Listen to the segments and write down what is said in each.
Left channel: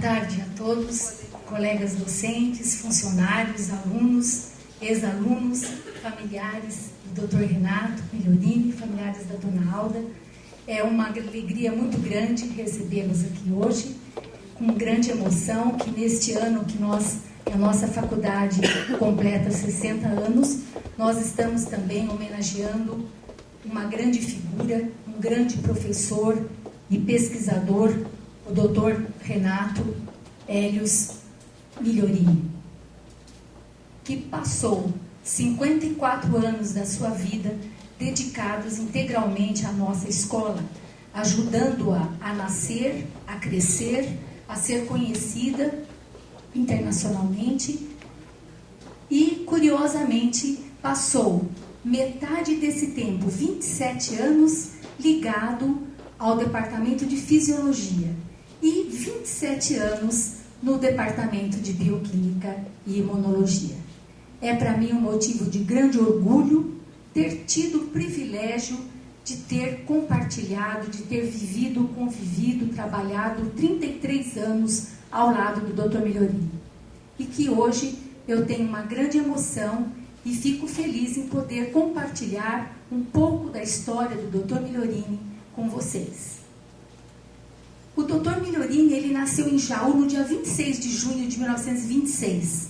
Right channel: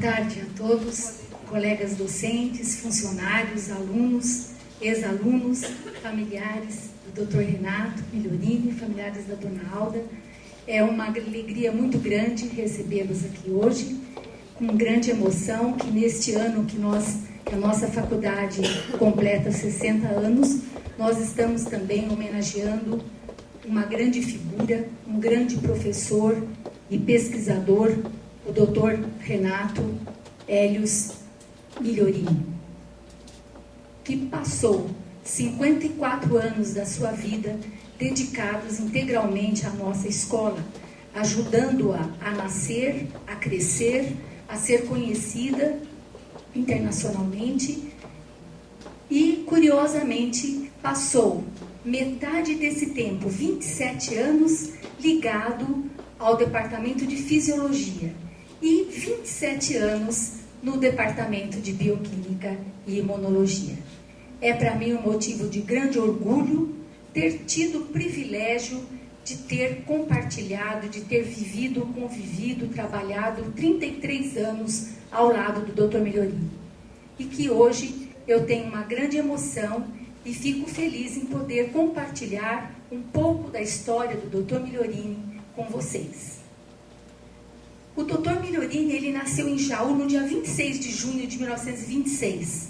tarde a todos, colegas docentes, funcionários, alunos, ex-alunos, familiares do Dr. Renato Migliorini, familiares da Dona Alda. É uma alegria muito grande recebê-los aqui hoje, com grande emoção, que neste ano que a nossa faculdade completa 60 anos, nós estamos também homenageando uma grande figura, um grande professor e pesquisador, o Dr. Renato Hélios Migliorini, que passou 54 anos da sua vida dedicados integralmente à nossa escola, ajudando-a a nascer, a crescer, a ser conhecida internacionalmente e, curiosamente, passou metade desse tempo, 27 anos, ligado ao Departamento de Fisiologia e 27 anos no Departamento de Bioquímica e Imunologia. É para mim um motivo de grande orgulho ter tido o privilégio de ter compartilhado, de ter vivido, convivido, trabalhado 33 anos ao lado do Dr. Migliorini. E que hoje eu tenho uma grande emoção e fico feliz em poder compartilhar um pouco da história do Dr. Migliorini com vocês. O Dr. Migliorini, ele nasceu em Jaú no dia 26 de junho de 1926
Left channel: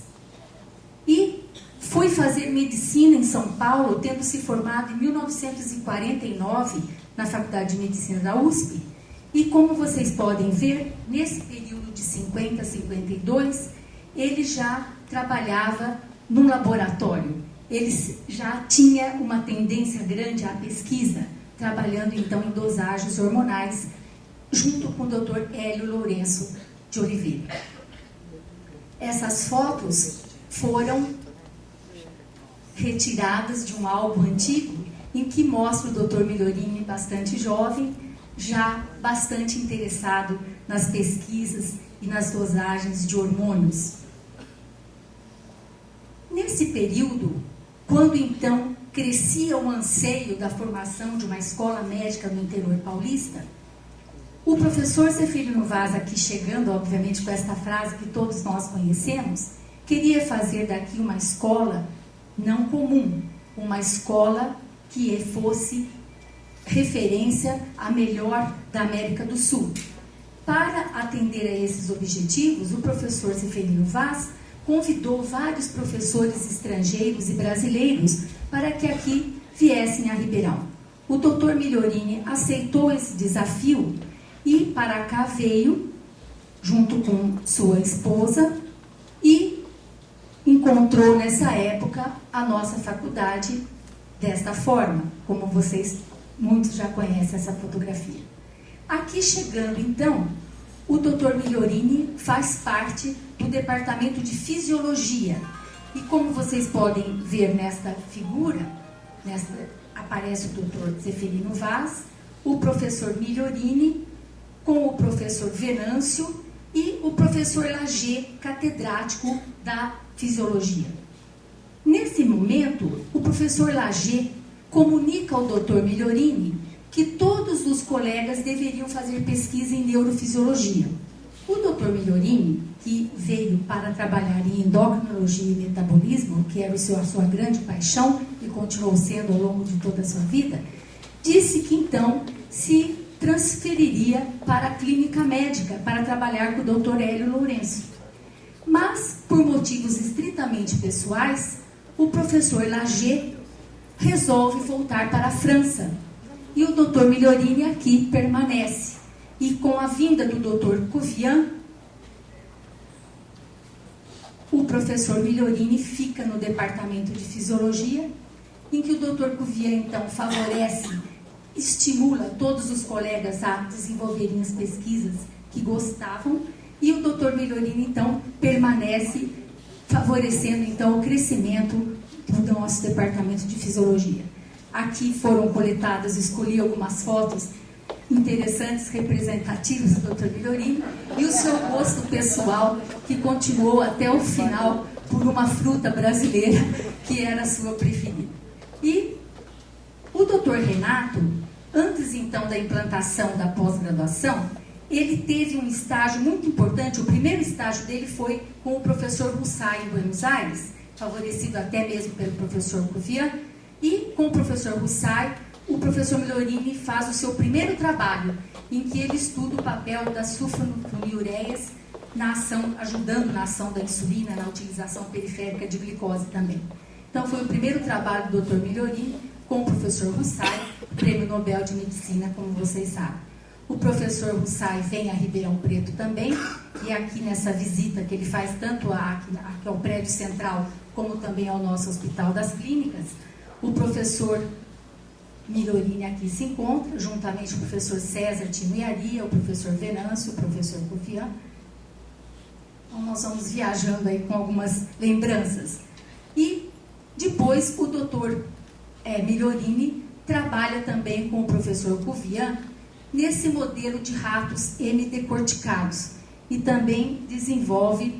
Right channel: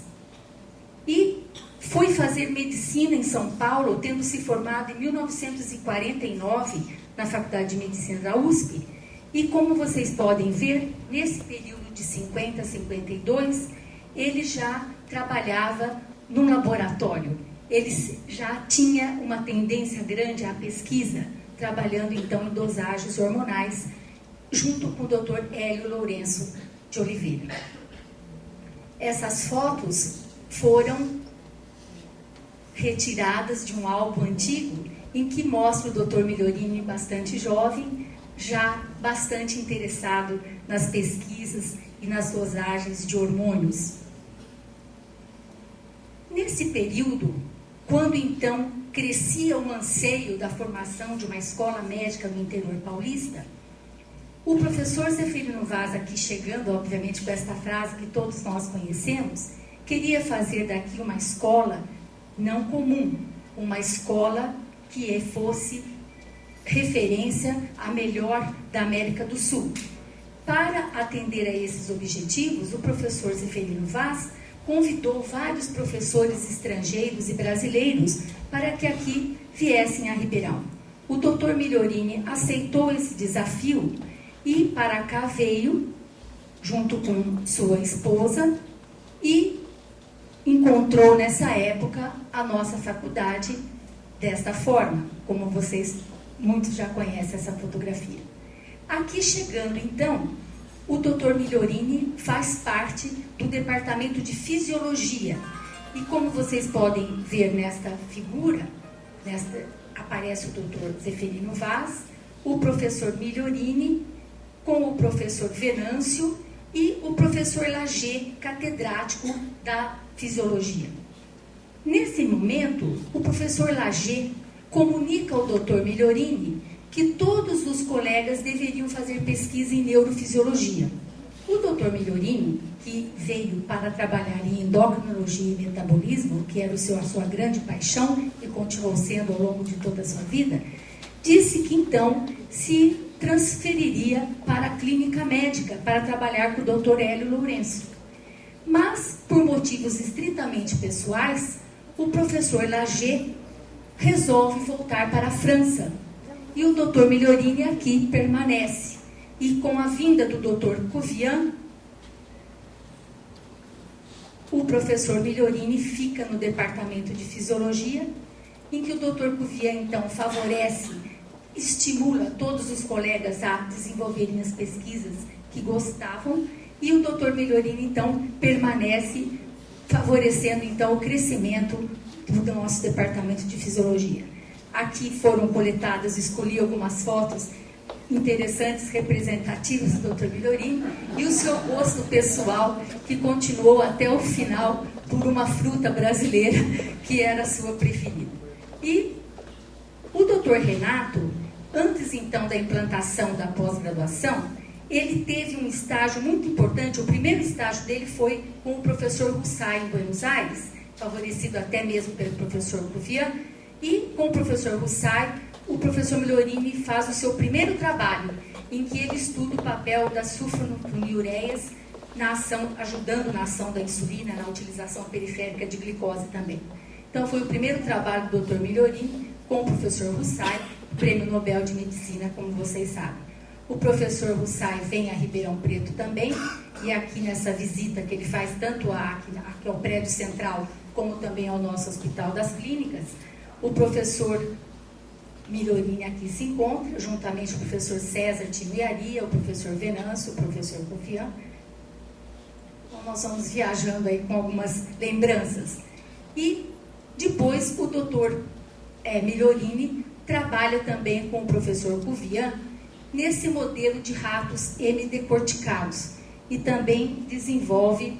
e foi fazer medicina em São Paulo, tendo se formado em 1949 na Faculdade de Medicina da USP. E como vocês podem ver, nesse período de 50 a 52, ele já trabalhava num laboratório. Ele já tinha uma tendência grande à pesquisa, trabalhando então em dosagens hormonais, junto com o Dr. Hélio Lourenço de Oliveira. Essas fotos foram retiradas de um álbum antigo em que mostra o Dr. Migliorini bastante jovem, já bastante interessado nas pesquisas e nas dosagens de hormônios. Nesse período, quando então crescia o anseio da formação de uma escola médica no interior paulista, o professor Zeferino Vaz, aqui chegando, obviamente, com esta frase que todos nós conhecemos, queria fazer daqui uma escola não comum, uma escola que fosse referência a melhor da América do Sul. Para atender a esses objetivos, o professor Zeferino Vaz convidou vários professores estrangeiros e brasileiros para que aqui viessem a Ribeirão. O Dr. Migliorini aceitou esse desafio e para cá veio, junto com sua esposa, e encontrou nessa época a nossa faculdade desta forma, como vocês muitos já conhecem essa fotografia. Aqui chegando então, o Dr. Migliorini faz parte do Departamento de Fisiologia. E como vocês podem ver nesta figura, aparece o Dr. Zeferino Vaz, o professor Migliorini, com o professor Venâncio e o professor Lager, catedrático da Fisiologia. Nesse momento, o professor Lager comunica ao Dr. Migliorini que todos os colegas deveriam fazer pesquisa em neurofisiologia. O Dr. Migliorini, que veio para trabalhar em endocrinologia e metabolismo, que era a sua grande paixão e continuou sendo ao longo de toda a sua vida, disse que então se transferiria para a clínica médica para trabalhar com o Dr. Hélio Lourenço. Mas, por motivos estritamente pessoais, o professor Lager resolve voltar para a França. E o Dr. Migliorini aqui permanece. E com a vinda do Dr. Covian, o professor Migliorini fica no Departamento de Fisiologia, em que o Dr. Covian, então, favorece, estimula todos os colegas a desenvolverem as pesquisas que gostavam, e o Dr. Migliorini, então, permanece favorecendo, então, o crescimento do nosso Departamento de Fisiologia. Aqui foram coletadas, escolhi algumas fotos interessantes, representativas do Dr. Migliorini, e o seu gosto pessoal, que continuou até o final por uma fruta brasileira, que era a sua preferida. E o Dr. Renato, antes então da implantação da pós-graduação, ele teve um estágio muito importante. O primeiro estágio dele foi com o professor Russai, em Buenos Aires, favorecido até mesmo pelo professor Cuvian. E com o professor Russai, o professor Migliorini faz o seu primeiro trabalho, em que ele estuda o papel das sulfonilureias na ação, ajudando na ação da insulina, na utilização periférica de glicose também. Então, foi o primeiro trabalho do Dr. Migliorini com o professor Russai, Prêmio Nobel de Medicina, como vocês sabem. O professor Russai vem a Ribeirão Preto também, e aqui nessa visita que ele faz tanto aqui ao prédio central, como também ao nosso Hospital das Clínicas, o professor Migliorini aqui se encontra, juntamente com o professor César Timiaria, o professor Venâncio, o professor Cuvian. Então, nós vamos viajando aí com algumas lembranças. E depois o doutor Migliorini trabalha também com o professor Cuvian nesse modelo de ratos hemidecorticados e também desenvolve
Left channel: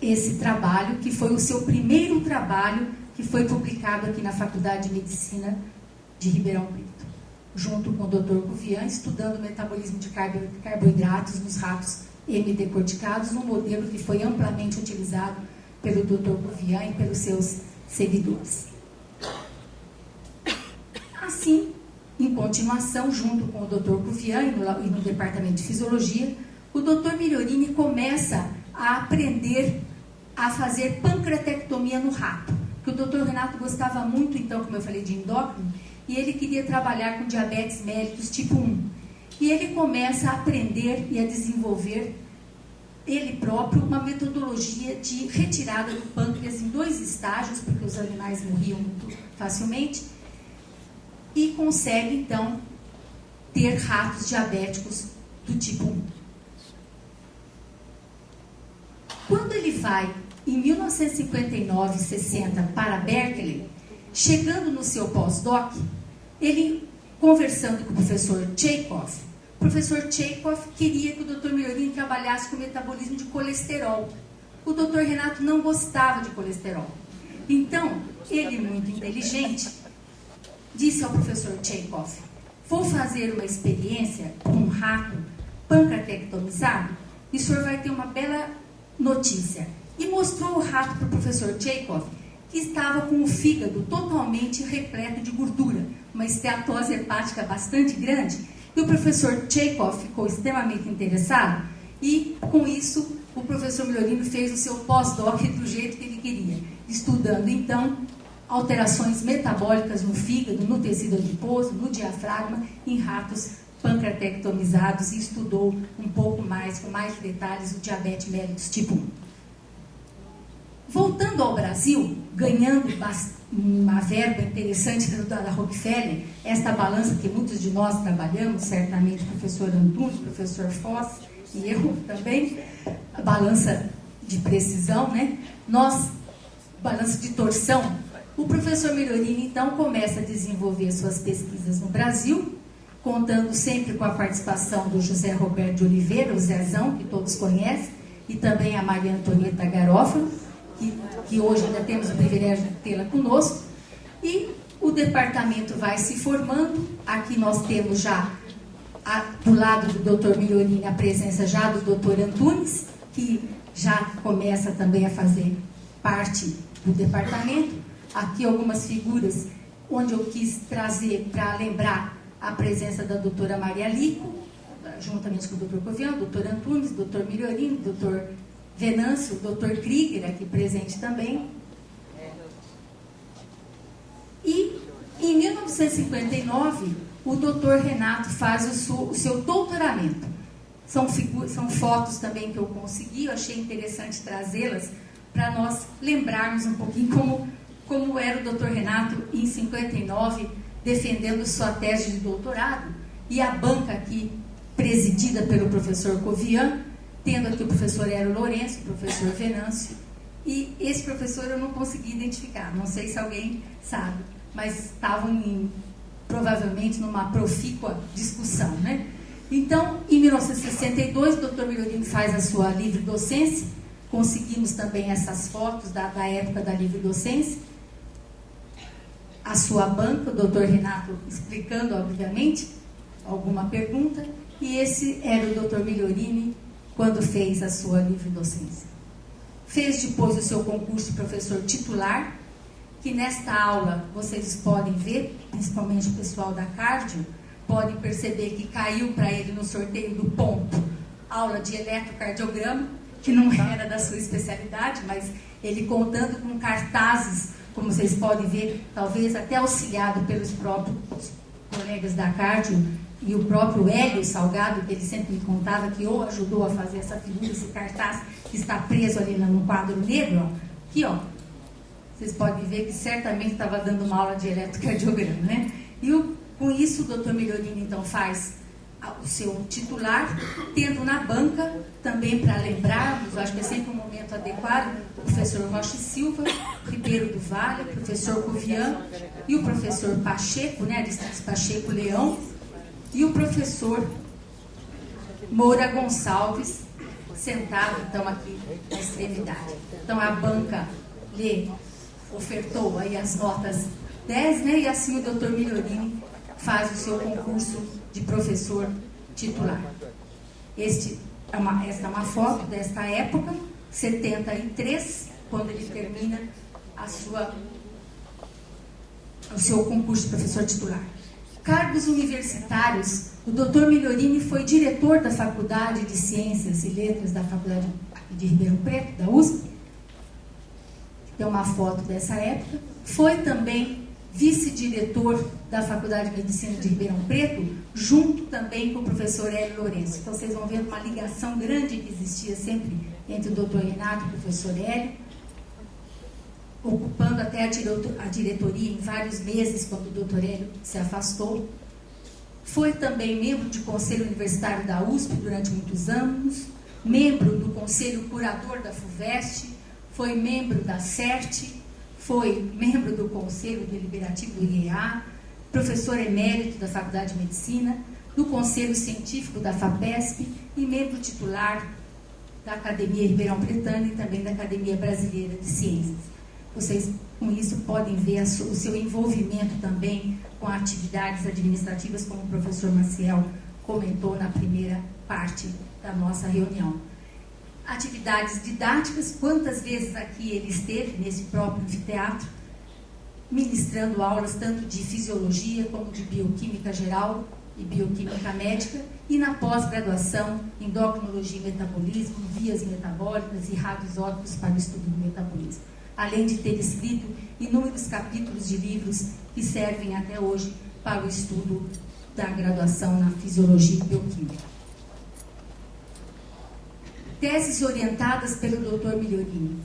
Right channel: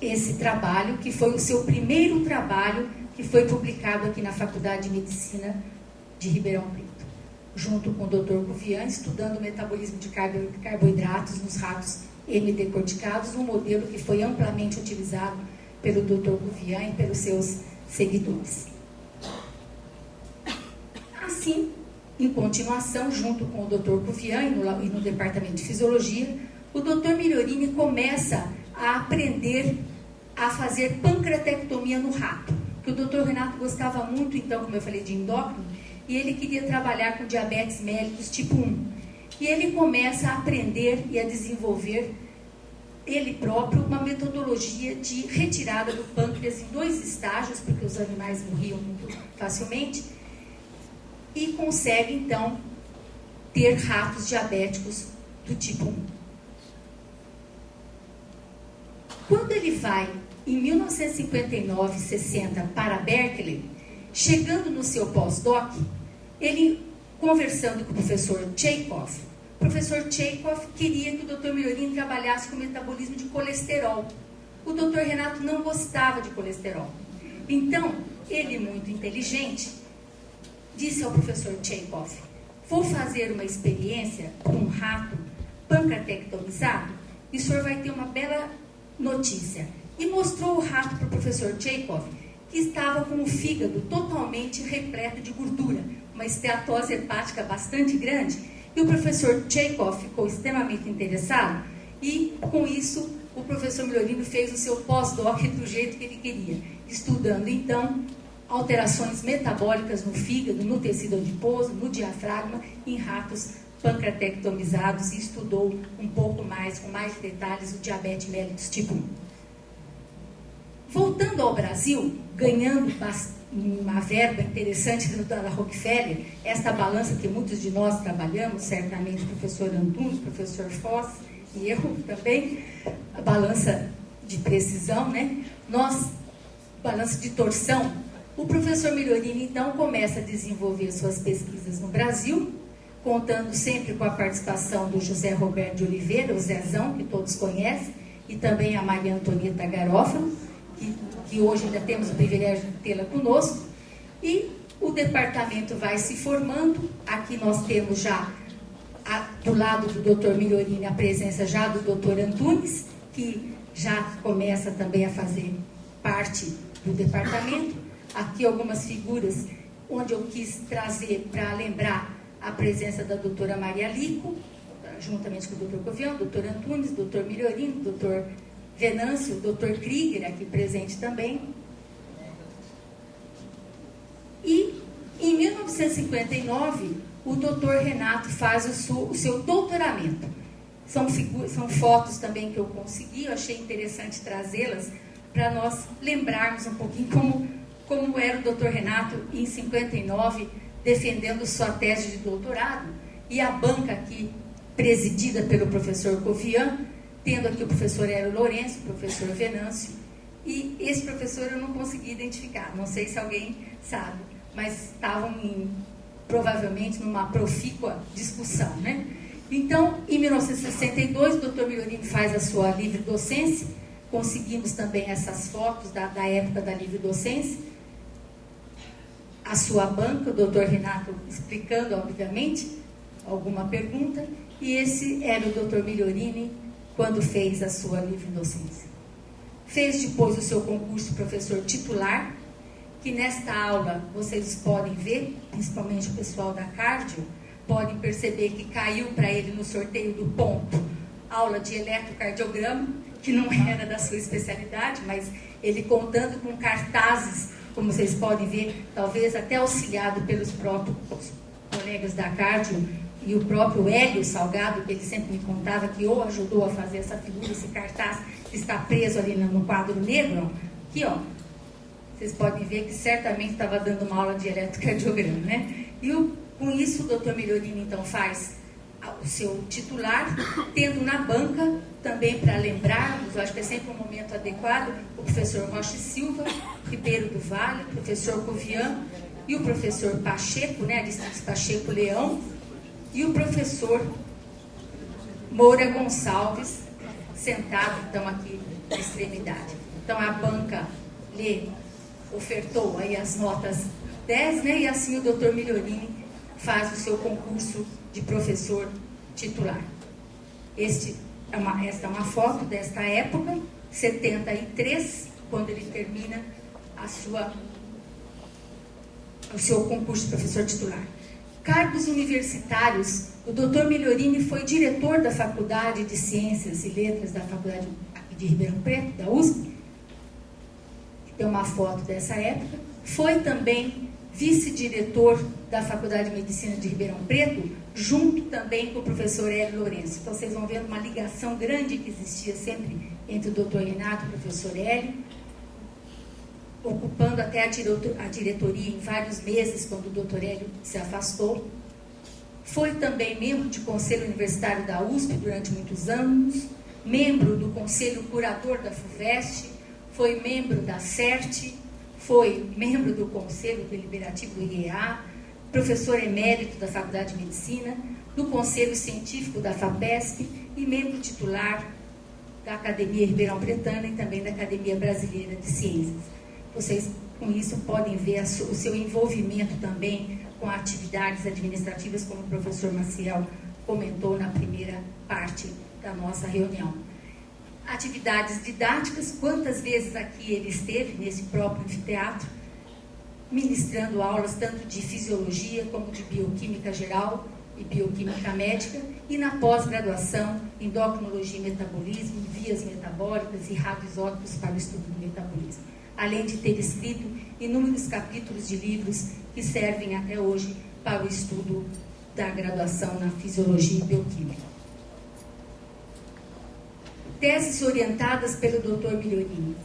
esse trabalho, que foi o seu primeiro trabalho, que foi publicado aqui na Faculdade de Medicina de Ribeirão Preto, junto com o Dr. Cuvian, estudando o metabolismo de carboidratos nos ratos hemidecorticados, um modelo que foi amplamente utilizado pelo Dr. Cuvian e pelos seus seguidores. Assim, em continuação, junto com o Dr. Cuvian e no Departamento de Fisiologia, o Dr. Migliorini começa a aprender a fazer pancreatectomia no rato, que o Dr. Renato gostava muito, então, como eu falei, de endócrino, e ele queria trabalhar com diabetes mellitus tipo 1. E ele começa a aprender e a desenvolver, ele próprio, uma metodologia de retirada do pâncreas em 2 estágios, porque os animais morriam muito facilmente, e consegue, então, ter ratos diabéticos do tipo 1. Quando ele vai, em 1959 e 60, para Berkeley, chegando no seu pós-doc, ele, conversando com o professor Chekhov, o professor Chekhov queria que o Dr. Migliorini trabalhasse com o metabolismo de colesterol. O Dr. Renato não gostava de colesterol. Então, ele, muito inteligente, disse ao professor Chekhov: vou fazer uma experiência com um rato pancreatectomizado e o senhor vai ter uma bela notícia. E mostrou o rato para o professor Chekhov, que estava com o fígado totalmente repleto de gordura, uma esteatose hepática bastante grande, e o professor Chekhov ficou extremamente interessado, e com isso o professor Migliorini fez o seu pós-doc do jeito que ele queria, estudando então alterações metabólicas no fígado, no tecido adiposo, no diafragma, em ratos pancreatectomizados, e estudou um pouco mais, com mais detalhes, o diabetes mellitus tipo 1. Voltando ao Brasil, ganhando uma verba interessante da Rockefeller, esta balança que muitos de nós trabalhamos, certamente o professor Antunes, o professor Foss e eu também, a balança de precisão, né? Balança de torção. O professor Migliorini, então, começa a desenvolver suas pesquisas no Brasil, contando sempre com a participação do José Roberto de Oliveira, o Zezão, que todos conhecem, e também a Maria Antonieta Garofalo, que hoje ainda temos o privilégio de tê-la conosco. E o departamento vai se formando. Aqui nós temos já, do lado do Dr. Migliorini, a presença já do Dr. Antunes, que já começa também a fazer parte do departamento. Aqui algumas figuras onde eu quis trazer para lembrar a presença da doutora Maria Lico, juntamente com o Dr. Cuvian, o Dr. Antunes, o Dr. Migliorini, o Dr. Venâncio, o Dr. Krieger, aqui presente também. E em 1959, o Dr. Renato faz o seu doutoramento. São fotos também que eu consegui, eu achei interessante trazê-las para nós lembrarmos um pouquinho como era o Dr. Renato em 59, defendendo sua tese de doutorado, e a banca aqui presidida pelo professor Cuvian, tendo aqui o professor Hélio Lourenço, o professor Venâncio, e esse professor eu não consegui identificar, não sei se alguém sabe, mas estavam provavelmente numa profícua discussão, né? Então, em 1962, o Dr. Migliorini faz a sua livre docência, conseguimos também essas fotos da época da livre docência, a sua banca, o Dr. Renato explicando, obviamente, alguma pergunta, E esse era o Dr. Migliorini quando fez a sua livre docência. Fez depois o seu concurso professor titular, que nesta aula vocês podem ver, principalmente o pessoal da cardio, podem perceber que caiu para ele no sorteio do ponto, aula de eletrocardiograma, que não era da sua especialidade, mas ele contando com cartazes, como vocês podem ver, talvez até auxiliado pelos próprios colegas da cardio, e o próprio Hélio Salgado, que ele sempre me contava que ou ajudou a fazer essa figura, esse cartaz que está preso ali no quadro negro, aqui ó, vocês podem ver que certamente estava dando uma aula de eletrocardiograma, né? E com isso o Dr. Migliorini então faz o seu titular, tendo na banca, também para lembrarmos, acho que é sempre um momento adequado, o professor Rocha Silva, Ribeiro do Vale, o professor Covian e o professor Pacheco, né, Aristides Pacheco Leão, e o professor Moura Gonçalves, sentado então aqui na extremidade. Então a banca lhe ofertou aí as notas 10, né, e assim o Dr. Migliorini faz o seu concurso de professor titular. Esta é uma foto desta época, 73, quando ele termina o seu concurso de professor titular. Cargos universitários, o Dr. Migliorini foi diretor da Faculdade de Ciências e Letras da Faculdade de Ribeirão Preto, da USP. Tem uma foto dessa época. Foi também vice-diretor da Faculdade de Medicina de Ribeirão Preto, junto também com o professor Hélio Lourenço. Então, vocês vão ver uma ligação grande que existia sempre entre o doutor Renato e o professor Hélio, ocupando até a diretoria em vários meses, quando o doutor Hélio se afastou. Foi também membro de Conselho Universitário da USP durante muitos anos, membro do Conselho Curador da FUVEST, foi membro da CERT, foi membro do Conselho Deliberativo do IEA, professor emérito da Faculdade de Medicina, do Conselho Científico da FAPESP e membro titular da Academia Ribeirão Pretana e também da Academia Brasileira de Ciências. Vocês, com isso, podem ver o seu envolvimento também com atividades administrativas, como o professor Maciel comentou na primeira parte da nossa reunião. Atividades didáticas, quantas vezes aqui ele esteve nesse próprio anfiteatro, ministrando aulas tanto de fisiologia como de bioquímica geral e bioquímica médica, e na pós-graduação, endocrinologia e metabolismo, vias metabólicas e radioisótopos para o estudo do metabolismo, além de ter escrito inúmeros capítulos de livros que servem até hoje para o estudo da graduação na fisiologia e bioquímica. Teses orientadas pelo Dr. Migliorini.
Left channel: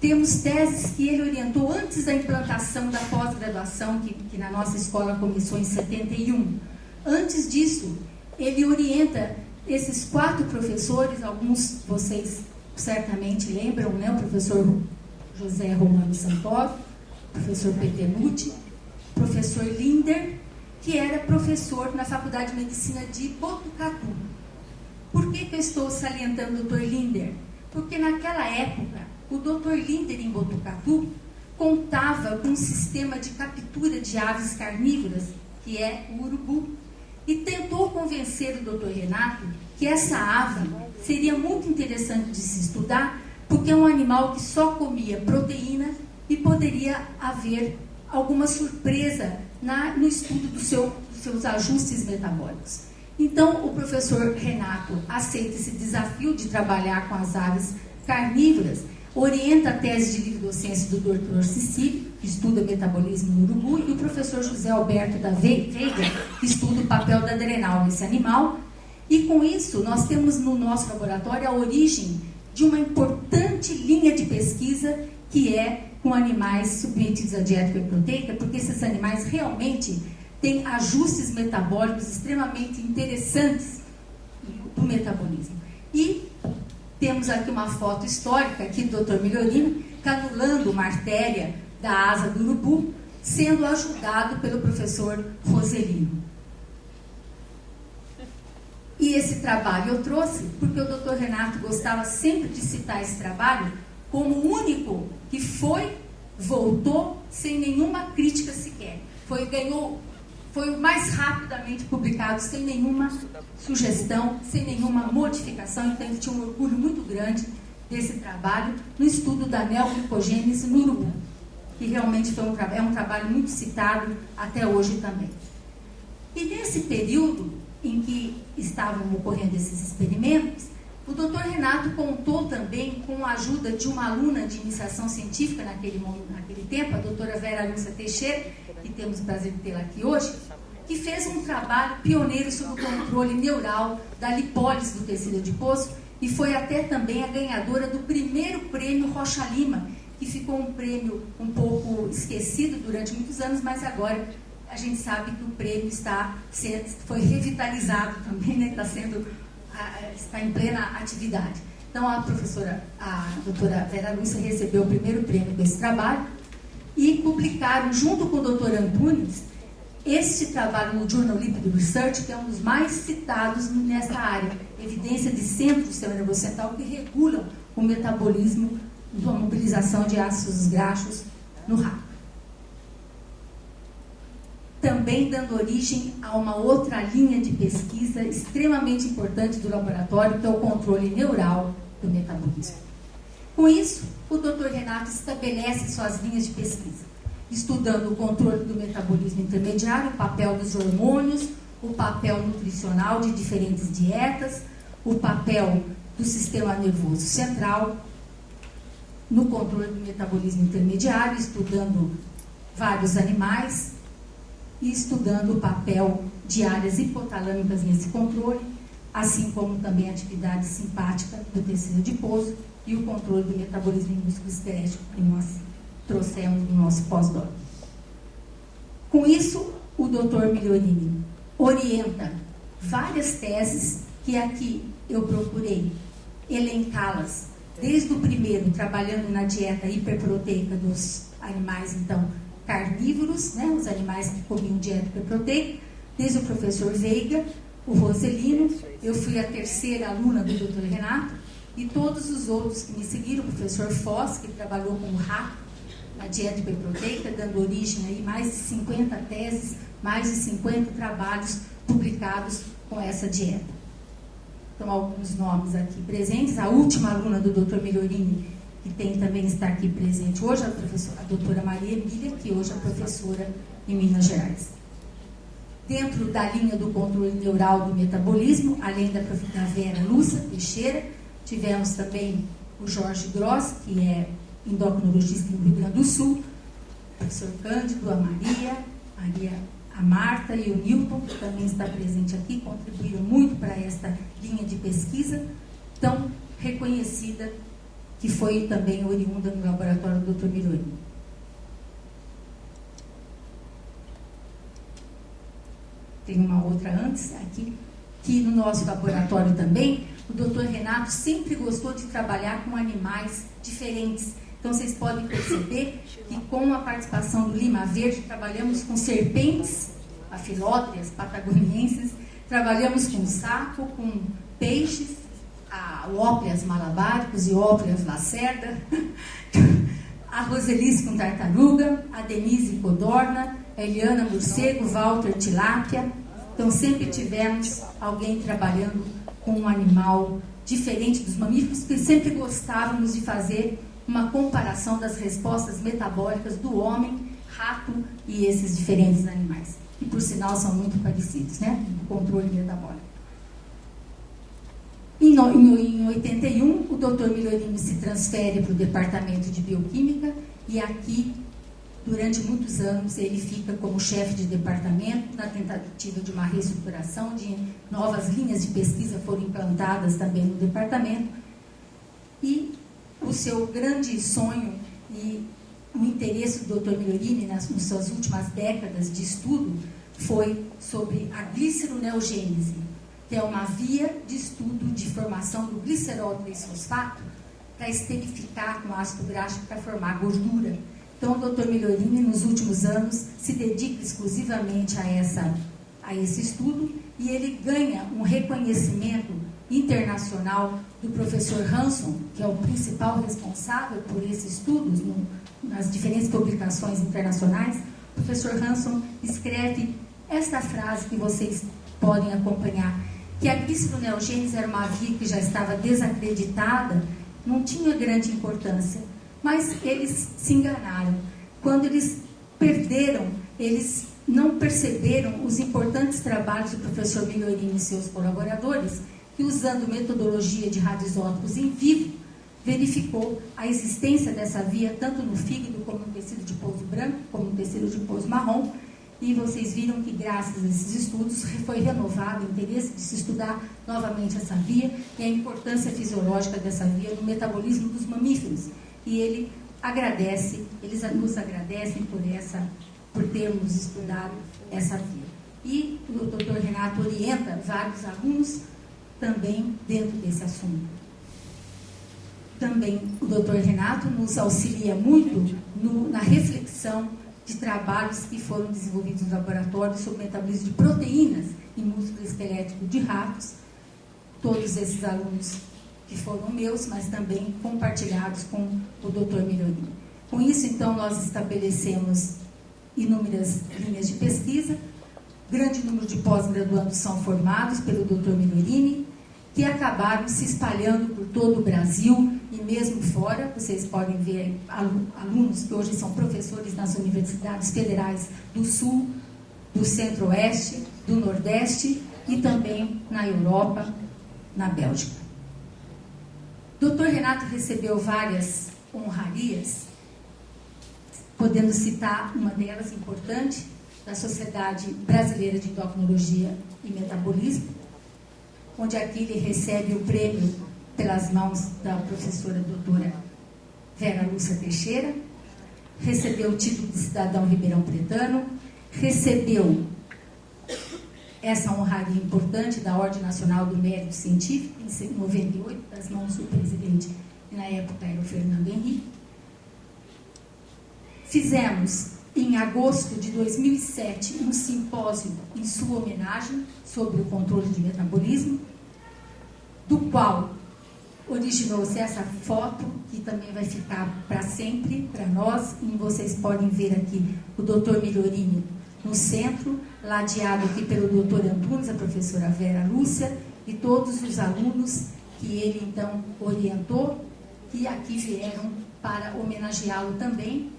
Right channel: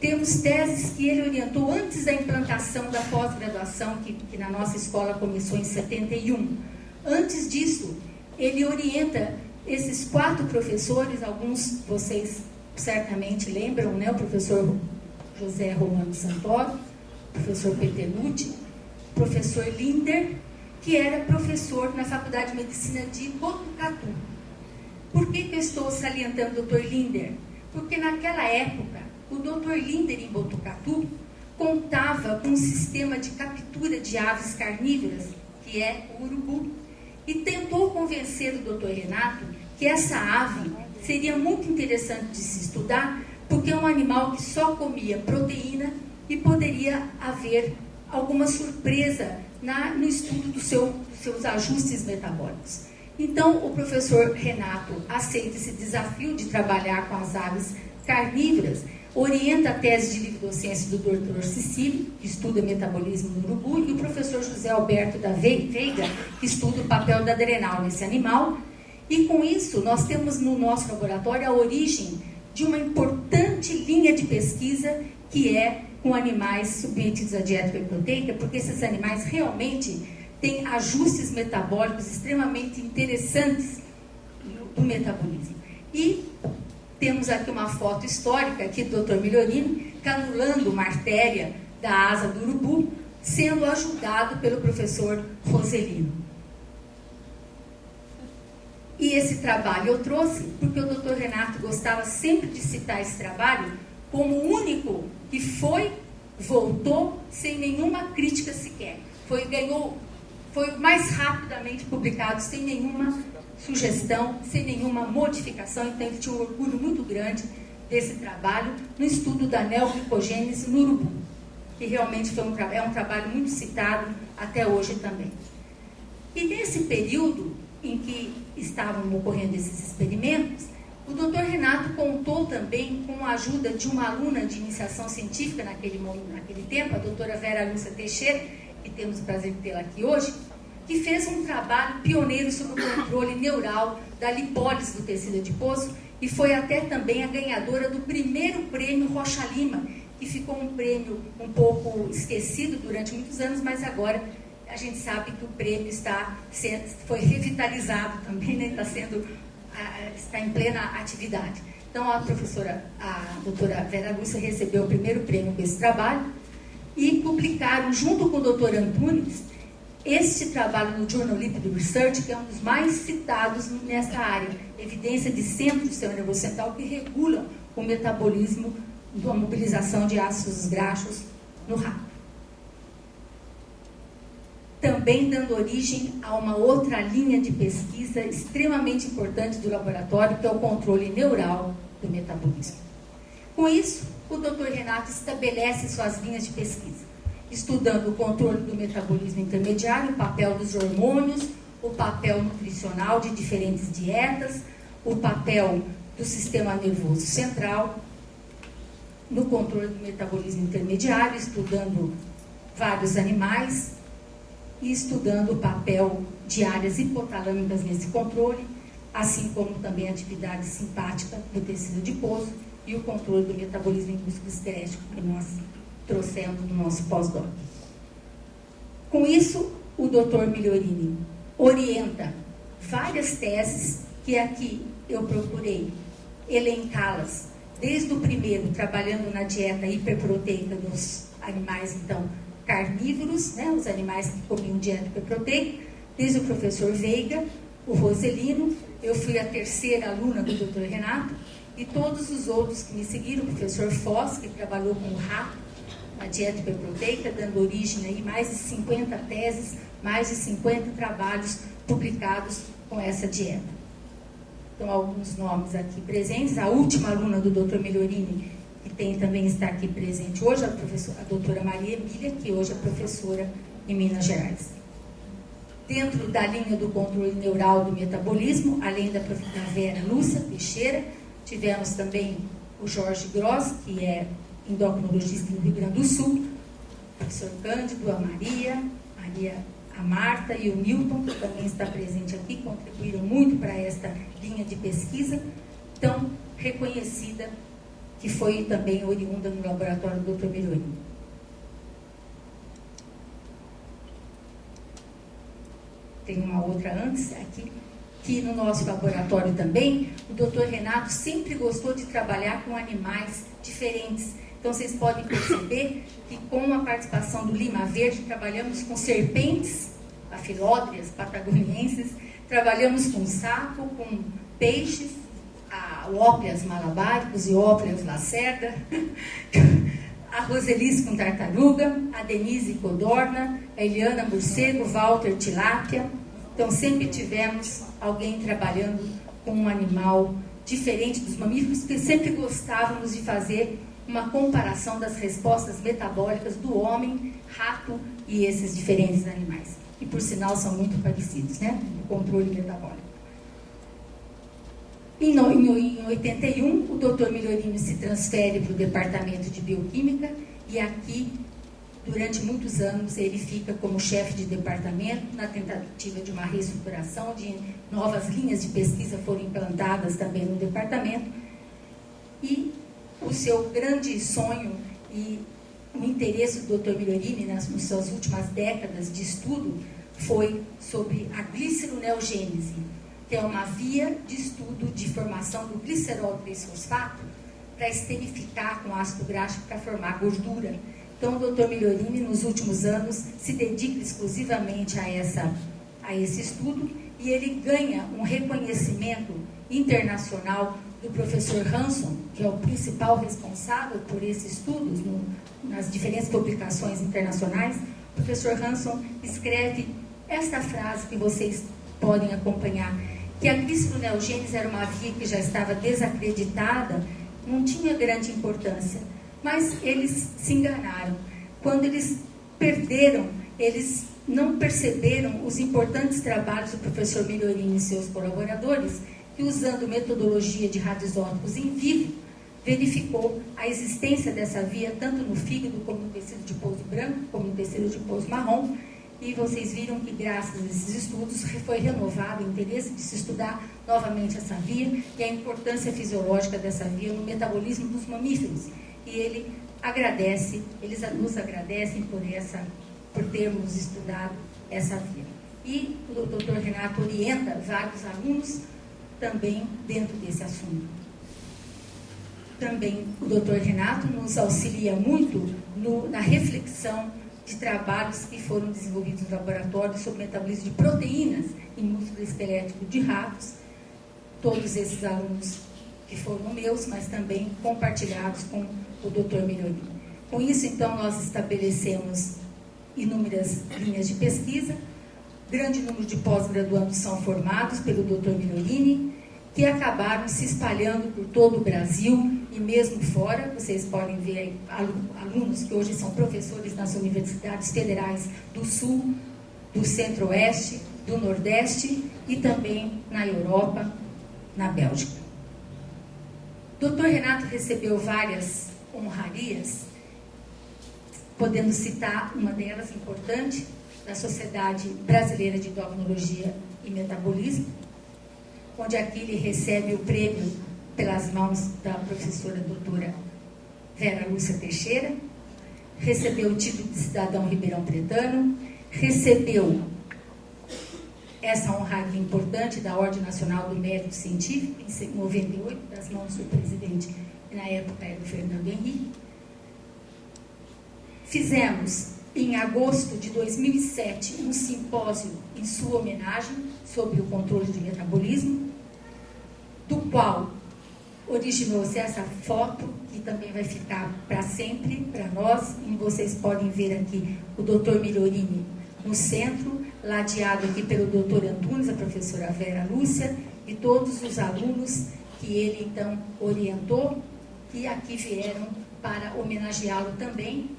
Temos teses que ele orientou antes da implantação da pós-graduação, que na nossa escola começou em 71. Antes disso, ele orienta esses 4 professores, alguns vocês certamente lembram, né? O professor José Romano Santoro, o professor Petenucci, o professor Linder, que era professor na Faculdade de Medicina de Botucatu. Por que eu estou salientando o Dr. Linder? Porque naquela época, o Dr. Linder em Botucatu contava com um sistema de captura de aves carnívoras, que é o urubu, e tentou convencer o Dr. Renato que essa ave seria muito interessante de se estudar, porque é um animal que só comia proteína e poderia haver alguma surpresa no estudo dos seus ajustes metabólicos. Então, o professor Renato aceita esse desafio de trabalhar com as aves carnívoras, orienta a tese de livre docência do Dr. Cecílio, que estuda metabolismo no urubu, e o professor José Alberto da Veiga, que estuda o papel da adrenal nesse animal. E com isso, nós temos no nosso laboratório a origem de uma importante linha de pesquisa que é com animais submetidos à dieta hiperproteica, porque esses animais realmente têm ajustes metabólicos extremamente interessantes do metabolismo. E temos aqui uma foto histórica aqui do Dr. Migliorini canulando uma artéria da asa do urubu, sendo ajudado pelo professor Roselino. E esse trabalho eu trouxe porque o Dr. Renato gostava sempre de citar esse trabalho como o único que voltou sem nenhuma crítica sequer. Foi mais rapidamente publicado sem nenhuma sugestão, sem nenhuma modificação, então ele tinha um orgulho muito grande desse trabalho no estudo da neoglicogênese no urubu, que realmente é um trabalho muito citado até hoje também. E nesse período em que estavam ocorrendo esses experimentos, o Dr. Renato contou também com a ajuda de uma aluna de iniciação científica naquele tempo, a doutora Vera Lúcia Teixeira, que temos o prazer de tê-la aqui hoje, que fez um trabalho pioneiro sobre o controle neural da lipólise do tecido adiposo e foi até também a ganhadora do primeiro prêmio Rocha Lima, que ficou um prêmio um pouco esquecido durante muitos anos, mas agora a gente sabe que o prêmio foi revitalizado também, né? Está em plena atividade. Então a doutora Vera Lúcia recebeu o primeiro prêmio com esse trabalho e publicaram, junto com o doutor Antunes, este trabalho no Journal Lipid Research, que é um dos mais citados nessa área, evidência de centros do sistema nervoso central que regulam o metabolismo da mobilização de ácidos graxos no rato. Também dando origem a uma outra linha de pesquisa extremamente importante do laboratório, que é o controle neural do metabolismo. Com isso, o Dr. Renato estabelece suas linhas de pesquisa, estudando o controle do metabolismo intermediário, o papel dos hormônios, o papel nutricional de diferentes dietas, o papel do sistema nervoso central, no controle do metabolismo intermediário, estudando vários animais e estudando o papel de áreas hipotalâmicas nesse controle, assim como também a atividade simpática do tecido adiposo e o controle do metabolismo em músculo esquelético, que nós trouxemos no nosso pós-doc. Com isso, o Dr. Migliorini orienta várias teses que aqui eu procurei elencá-las, desde o primeiro, trabalhando na dieta hiperproteica dos animais, então, carnívoros, né, os animais que comiam dieta hiperproteica, desde o professor Veiga, o Roselino, eu fui a terceira aluna do Dr. Renato, e todos os outros que me seguiram, o professor Foz, que trabalhou com o rato na dieta hiperproteica, dando origem a mais de 50 teses, mais de 50 trabalhos publicados com essa dieta. Então, alguns nomes aqui presentes. A última aluna do Dr. Migliorini, que também está aqui presente hoje, a doutora Maria Emília, que hoje é professora em Minas Gerais. Dentro da linha do controle neural do metabolismo, além da Vera Lúcia Teixeira, tivemos também o Jorge Gross, que é endocrinologista no Rio Grande do Sul, o professor Cândido, a Maria, a Marta e o Newton, que também está presente aqui, contribuíram muito para esta linha de pesquisa tão reconhecida, que foi também oriunda no laboratório do Dr. Migliorini. Tem uma outra antes aqui, que no nosso laboratório também, o Dr. Renato sempre gostou de trabalhar com animais diferentes. Então, vocês podem perceber que com a participação do Lima Verde, trabalhamos com serpentes, afilótrias patagonienses, trabalhamos com sapo, com peixes, ópleas malabáricos e ópleas lacerda, a Roselice com tartaruga, a Denise codorna, a Eliana morcego, Walter tilápia. Então, sempre tivemos alguém trabalhando com um animal diferente dos mamíferos, porque sempre gostávamos de fazer uma comparação das respostas metabólicas do homem, rato e esses diferentes animais. E, por sinal, são muito parecidos, né? No controle metabólico. Em 81, o Dr. Migliorini se transfere para o departamento de bioquímica e aqui, durante muitos anos, ele fica como chefe de departamento na tentativa de uma reestruturação, de novas linhas de pesquisa foram implantadas também no departamento. E o seu grande sonho e o interesse do Dr. Migliorini nas suas últimas décadas de estudo foi sobre a gliceroneogênese, que é uma via de estudo de formação do glicerol 3-fosfato para esterificar com ácido graxo para formar gordura. Então, o Dr. Migliorini, nos últimos anos, se dedica exclusivamente a esse estudo e ele ganha um reconhecimento internacional do professor Hanson, que é o principal responsável por esses estudos nas diferentes publicações internacionais. O professor Hanson escreve esta frase que vocês podem acompanhar. que a cristineogênese era uma via que já estava desacreditada, não tinha grande importância. Mas eles se enganaram. Quando eles perderam, eles não perceberam os importantes trabalhos do professor Migliorini e seus colaboradores, que, usando metodologia de radioisótopos em vivo, verificou a existência dessa via tanto no fígado como no tecido adiposo branco, como no tecido adiposo marrom, e vocês viram que, graças a esses estudos, foi renovado o interesse de se estudar novamente essa via e a importância fisiológica dessa via no metabolismo dos mamíferos. E ele agradece, eles nos agradecem por termos estudado essa via. E o Dr. Renato orienta vários alunos também dentro desse assunto. Também o Dr. Renato nos auxilia muito na reflexão de trabalhos que foram desenvolvidos no laboratório sobre o metabolismo de proteínas em músculo esquelético de ratos. Todos esses alunos que foram meus, mas também compartilhados com o Dr. Migliorini. Com isso, então, nós estabelecemos inúmeras linhas de pesquisa. Grande número de pós-graduandos são formados pelo Dr. Migliorini, que acabaram se espalhando por todo o Brasil e mesmo fora. Vocês podem ver alunos que hoje são professores nas universidades federais do Sul, do Centro-Oeste, do Nordeste e também na Europa, na Bélgica. Dr. Renato recebeu várias honrarias, podendo citar uma delas importante, da Sociedade Brasileira de Endocrinologia e Metabolismo, onde aqui ele recebe o prêmio pelas mãos da professora doutora Vera Lúcia Teixeira, recebeu o título de cidadão ribeirão pretano, recebeu essa honraria importante da Ordem Nacional do Mérito Científico, em 98, das mãos do presidente, que na época era o Fernando Henrique. Fizemos, em agosto de 2007, um simpósio em sua homenagem sobre o controle de metabolismo, do qual originou-se essa foto, que também vai ficar para sempre para nós, e vocês podem ver aqui o Dr. Migliorini no centro, ladeado aqui pelo Dr. Antunes, a professora Vera Lúcia, e todos os alunos que ele, então, orientou, que aqui vieram para homenageá-lo também.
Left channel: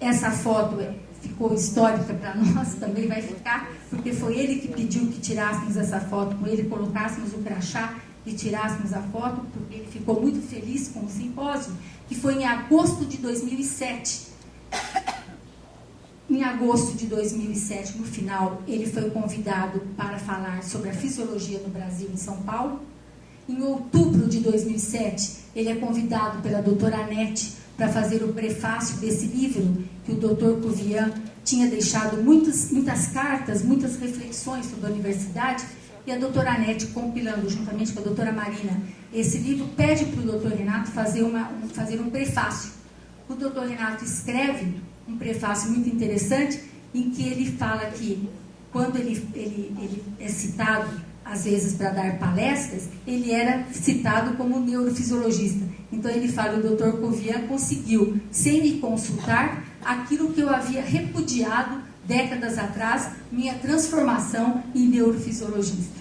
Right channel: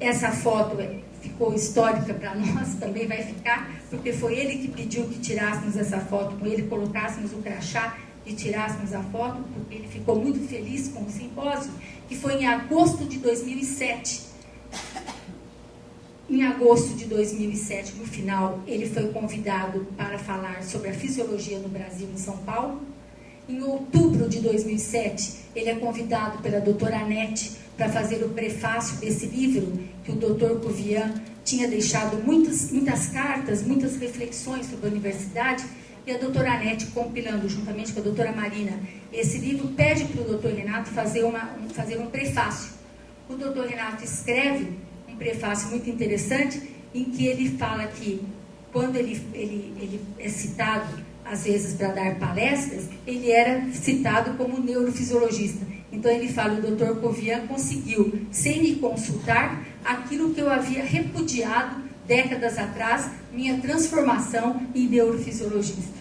Essa foto ficou histórica para nós, também vai ficar, porque foi ele que pediu que tirássemos essa foto com ele, colocássemos o crachá e tirássemos a foto, porque ele ficou muito feliz com o simpósio, que foi em agosto de 2007. Em agosto de 2007, no final, ele foi convidado para falar sobre a fisiologia do Brasil em São Paulo. Em outubro de 2007, ele é convidado pela doutora Anete para fazer o prefácio desse livro, que o doutor Cuvian tinha deixado muitas cartas, muitas reflexões sobre a universidade, e a doutora Anete, compilando juntamente com a doutora Marina esse livro, pede para o doutor Renato fazer um prefácio. O doutor Renato escreve um prefácio muito interessante, em que ele fala que, quando ele é citado, às vezes, para dar palestras, ele era citado como neurofisiologista. Então, ele fala, o doutor Cuvian conseguiu, sem me consultar, aquilo que eu havia repudiado décadas atrás, minha transformação em neurofisiologista.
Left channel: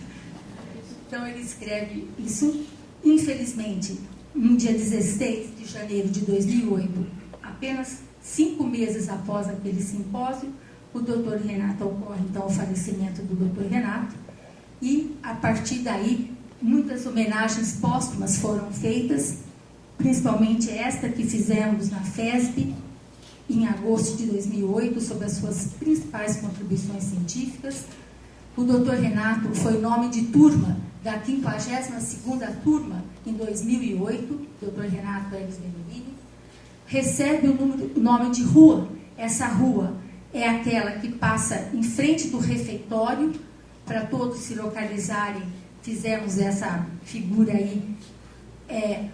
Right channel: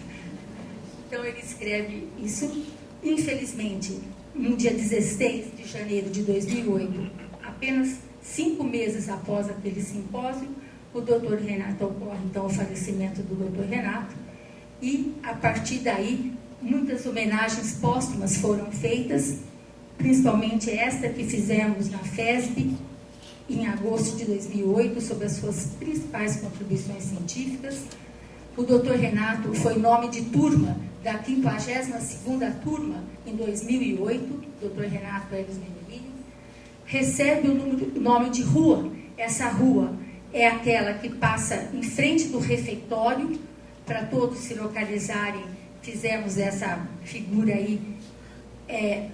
Então, ele escreve isso. Infelizmente, no dia 16 de janeiro de 2008, apenas 5 meses após aquele simpósio, o doutor Renato ocorre, então, o falecimento do doutor Renato. E, a partir daí, muitas homenagens póstumas foram feitas, principalmente esta que fizemos na FESB, em agosto de 2008, sobre as suas principais contribuições científicas. O Dr. Renato foi nome de turma da 52ª turma em 2008, Dr. Renato Eves Migliorini. Recebe o nome de rua. Essa rua é aquela que passa em frente do refeitório. Para todos se localizarem, fizemos essa figura aí,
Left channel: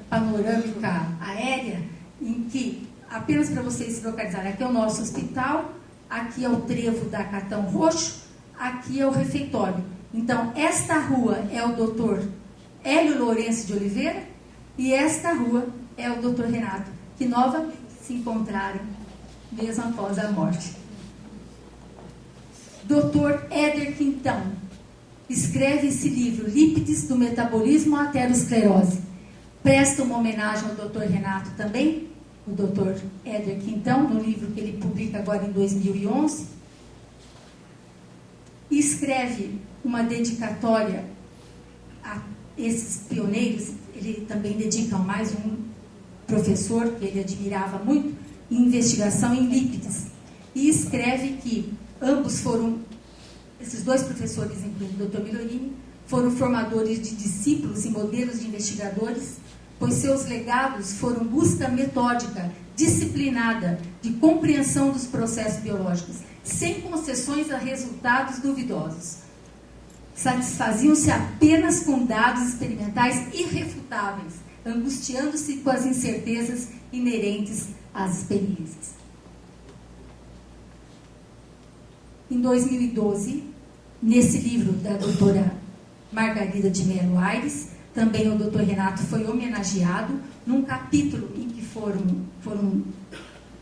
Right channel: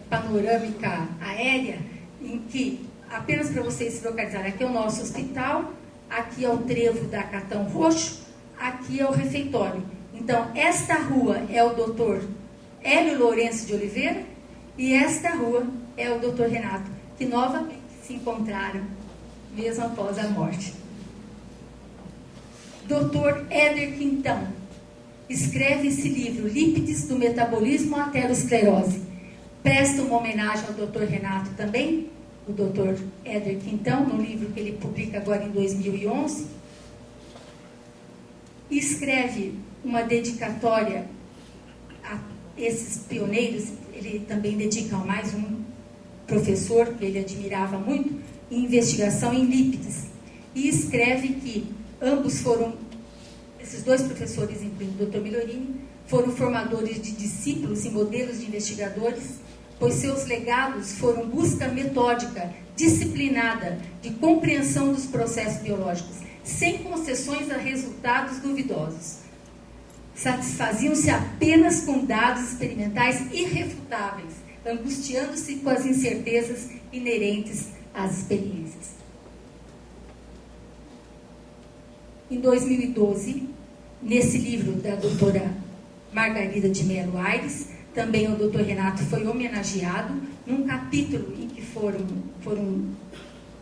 panorâmica aérea, em que, apenas para vocês se localizarem, aqui é o nosso hospital, aqui é o trevo da Catão Roxo, aqui é o refeitório. Então, esta rua é o doutor Hélio Lourenço de Oliveira e esta rua é o doutor Renato, que novamente se encontraram mesmo após a morte. Dr. Éder Quintão, escreve esse livro, Lípides do Metabolismo à Aterosclerose. Presta uma homenagem ao Dr. Renato também, o Dr. Éder Quintão, no livro que ele publica agora em 2011. E escreve uma dedicatória a esses pioneiros. Ele também dedica a mais um professor que ele admirava muito, em investigação em lípides. E escreve que ambos foram, esses dois professores, incluindo o Dr. Migliorini, foram formadores de discípulos e modelos de investigadores, pois seus legados foram busca metódica, disciplinada, de compreensão dos processos biológicos, sem concessões a resultados duvidosos. Satisfaziam-se apenas com dados experimentais irrefutáveis, angustiando-se com as incertezas inerentes às experiências. Em 2012, nesse livro da doutora Margarida de Mello Aires, também o doutor Renato foi homenageado num capítulo em que foram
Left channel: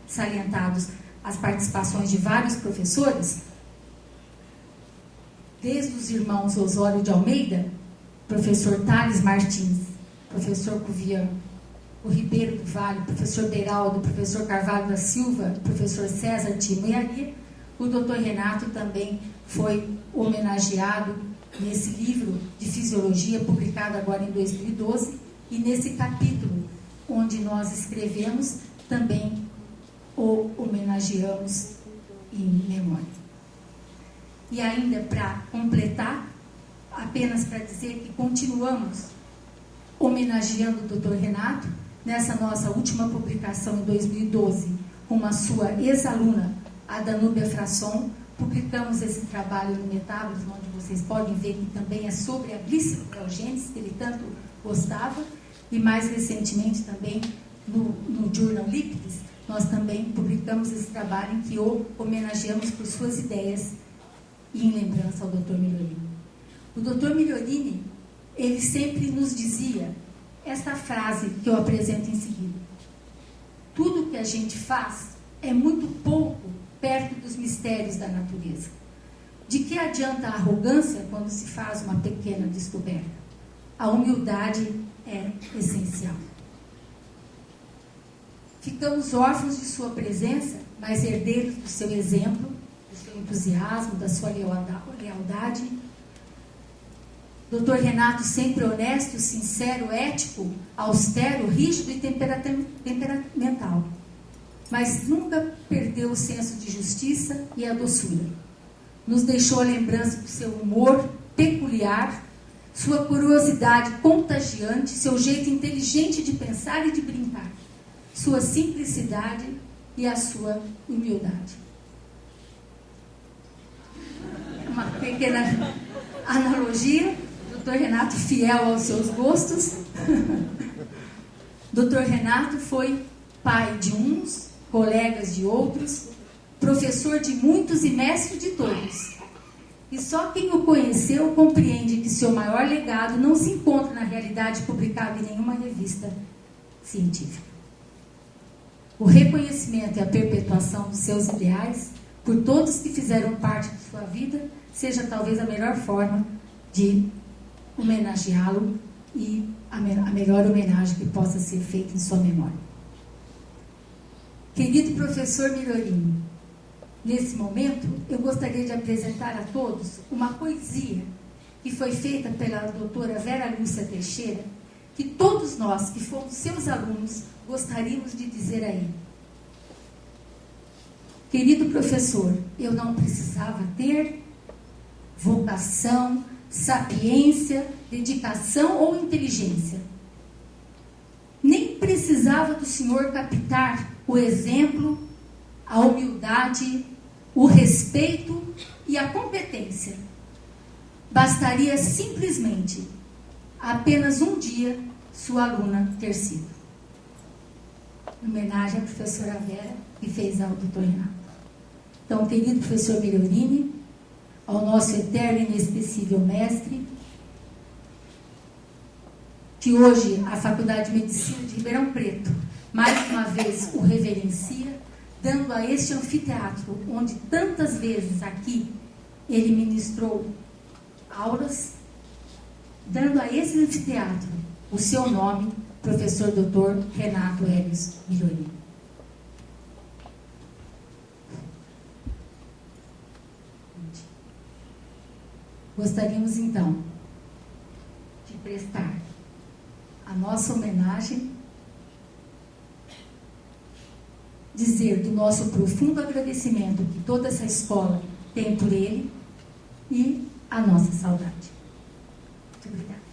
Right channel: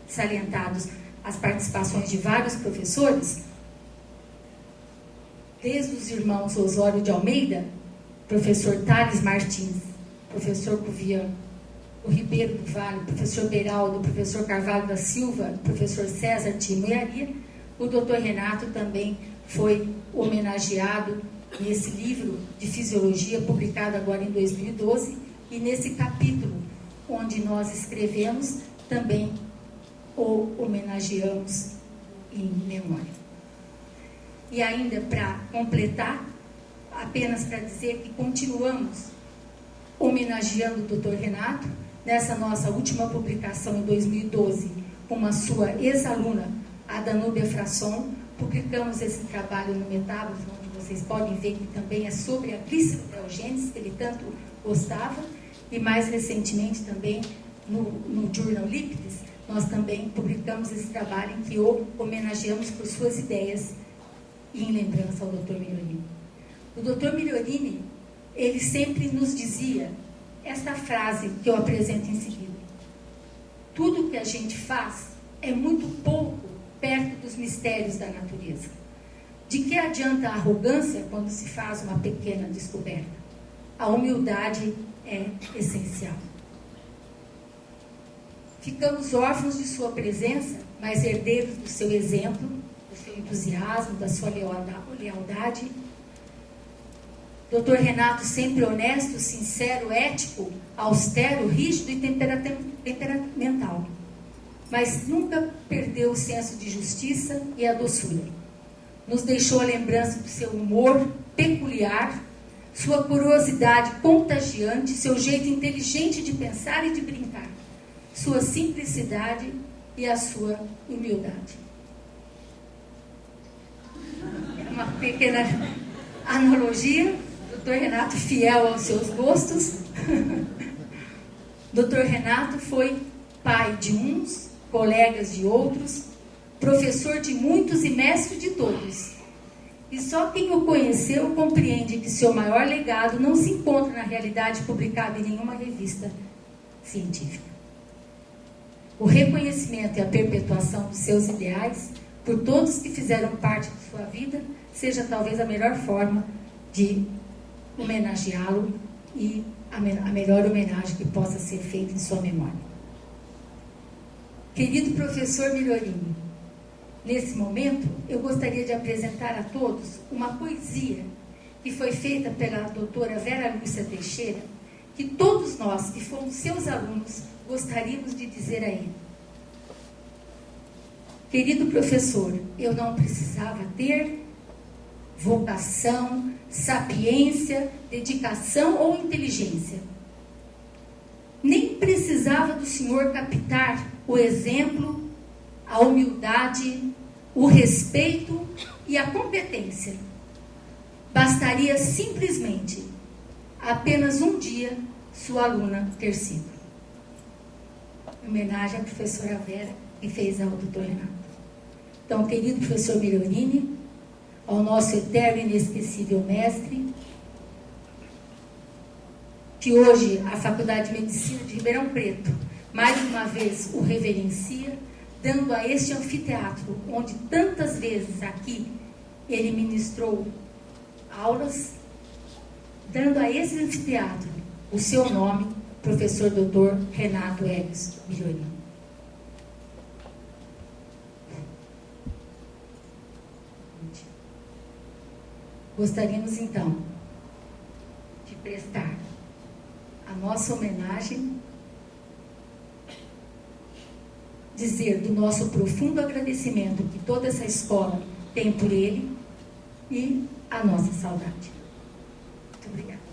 salientados as participações de vários professores, desde os irmãos Osório de Almeida, professor Thales Martins, professor Cuvian, o Ribeiro do Vale, professor Beraldo, professor Carvalho da Silva, professor César Timoiaria. O doutor Renato também foi homenageado nesse livro de Fisiologia, publicado agora em 2012, e nesse capítulo onde nós escrevemos, também o homenageamos em memória. E ainda para completar, apenas para dizer que continuamos homenageando o Dr. Renato, nessa nossa última publicação em 2012, com a sua ex-aluna, a Danúbia Frasson, publicamos esse trabalho no Metabolismo, onde vocês podem ver que também é sobre a glicerogênese, que ele tanto gostava, e mais recentemente também no Journal Lípides, nós também publicamos esse trabalho em que o homenageamos por suas ideias e em lembrança ao Dr. Migliorini. O Dr. Migliorini, ele sempre nos dizia essa frase que eu apresento em seguida: tudo que a gente faz é muito pouco perto dos mistérios da natureza. De que adianta a arrogância quando se faz uma pequena descoberta? A humildade é essencial. Ficamos órfãos de sua presença, mas herdeiros do seu exemplo, do seu entusiasmo, da sua lealdade. Dr. Renato, sempre honesto, sincero, ético, austero, rígido e temperamental, mas nunca perdeu o senso de justiça e a doçura. Nos deixou a lembrança do seu humor peculiar, sua curiosidade contagiante, seu jeito inteligente de pensar e de brincar, sua simplicidade e a sua humildade. Uma pequena analogia, Dr. Renato fiel aos seus gostos. Dr. Renato foi pai de uns, colegas de outros, professor de muitos e mestre de todos. E só quem o conheceu compreende que seu maior legado não se encontra na realidade publicada em nenhuma revista científica. O reconhecimento e a perpetuação dos seus ideais por todos que fizeram parte de sua vida seja talvez a melhor forma de homenageá-lo e a melhor homenagem que possa ser feita em sua memória. Querido professor Migliorini, nesse momento eu gostaria de apresentar a todos uma poesia que foi feita pela doutora Vera Lúcia Teixeira, que todos nós que fomos seus alunos gostaríamos de dizer a ele: querido professor, eu não precisava ter vocação, sapiência, dedicação ou inteligência. Nem precisava do senhor captar o exemplo, a humildade, o respeito e a competência. Bastaria simplesmente apenas um dia sua aluna ter sido. Em homenagem à professora Vera, que fez ao Dr. Renato. Então, querido professor Migliorini, ao nosso eterno e inesquecível mestre, que hoje a Faculdade de Medicina de Ribeirão Preto, mais uma vez, o reverencia, dando a este anfiteatro, onde tantas vezes aqui ele ministrou aulas, dando a esse anfiteatro o seu nome, professor Dr. Renato Helios Migliorini. Gostaríamos, então, de prestar a nossa homenagem, dizer do nosso profundo agradecimento que toda essa escola tem por ele e a nossa saudade. Muito obrigada.